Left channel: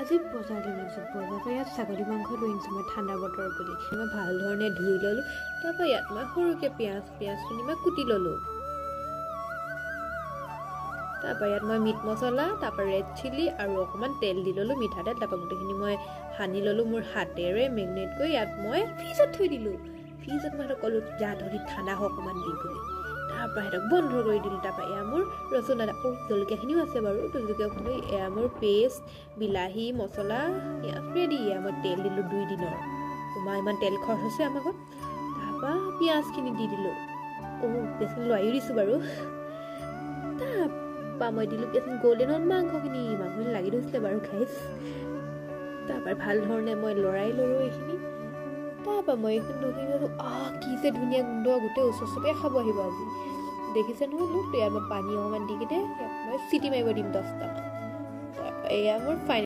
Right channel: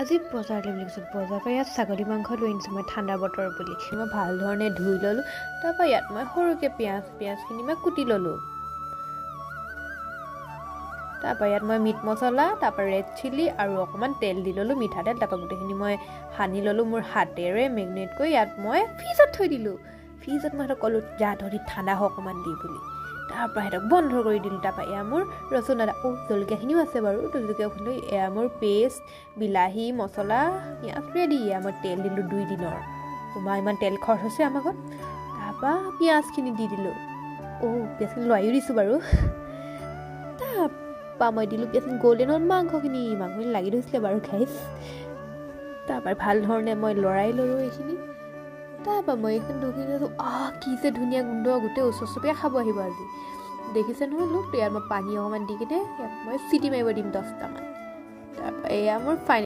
আজি বজাৰলৈ গৈছোঁ বজাৰৰ পৰা ইয়াত ছাগলী মাংস লৈ আনিছোঁ মই ঠাণ্ডা বতৰ বুলি মই ভাল ধৰণে ধুই ল'লোঁ তাৰপৰা ইয়াত মই সৰুকৈ পিঁয়াজখিনি মই কুটি ল'লোঁ তাৰপৰা ইয়াত মই মিট মছলা তাৰপৰা ৰেড চিলি আৰু অকণমান তেল দি ল'লোঁ মিঠাতেল তাৰপৰা গোটেইখিনি মই সানি ল'লোঁ মোৰ হাতেৰে মেগনেট কৰি ইয়াত মই ফ্ৰিজত থৈ দিলোঁ ফ্ৰিজত মই সিহঁতক ক'লোঁ যা ধৰি ঠাণ্ডা হওক অকণমান দি বুলি তাৰপৰা সিহঁতক বন্ধ কৰি দিলোঁ তাৰপৰা এয়া মোৰ ৰচুন আদা জলকীয়াখিনিও আছে বাৰু জলকীয়া খুন্দি এয়া মোৰ পেষ্ট বিলাহী মছলা পিঁয়াজ ৰেডি এয়া মই তেল দিলোঁ 2 দিনৰ তোমাৰ ইমান তেল খৰচ হৈছে আমাৰ ঘৰত তাৰপৰা পিঁয়াজখিনি দি দিলোঁ পিঁয়াজখিনি লৰাইও দিছোঁ বাৰু তাৰপৰা মই দিলোঁ পিঁয়াজখিনি গ'ল্ডেনত মাংসখিনি লাগি ধৰিছিলে বাৰু খাইছ তাৰপৰা ভাল ধৰণে মই লৰাই ল'লোঁ এইখিনি তাৰপৰা মই এইখিনি ধুই কি যে ধুনীয়া গোন্ধ গোটেই ওচৰ চুবুৰীয়া খাব আহিব আজি দেখিছে নহয় লোক ইয়াত মই পানী অকণমান দি কিনে মই চিটি মাৰিব দিম 10টামান তাৰপৰা এয়া মোৰ ফাইনেল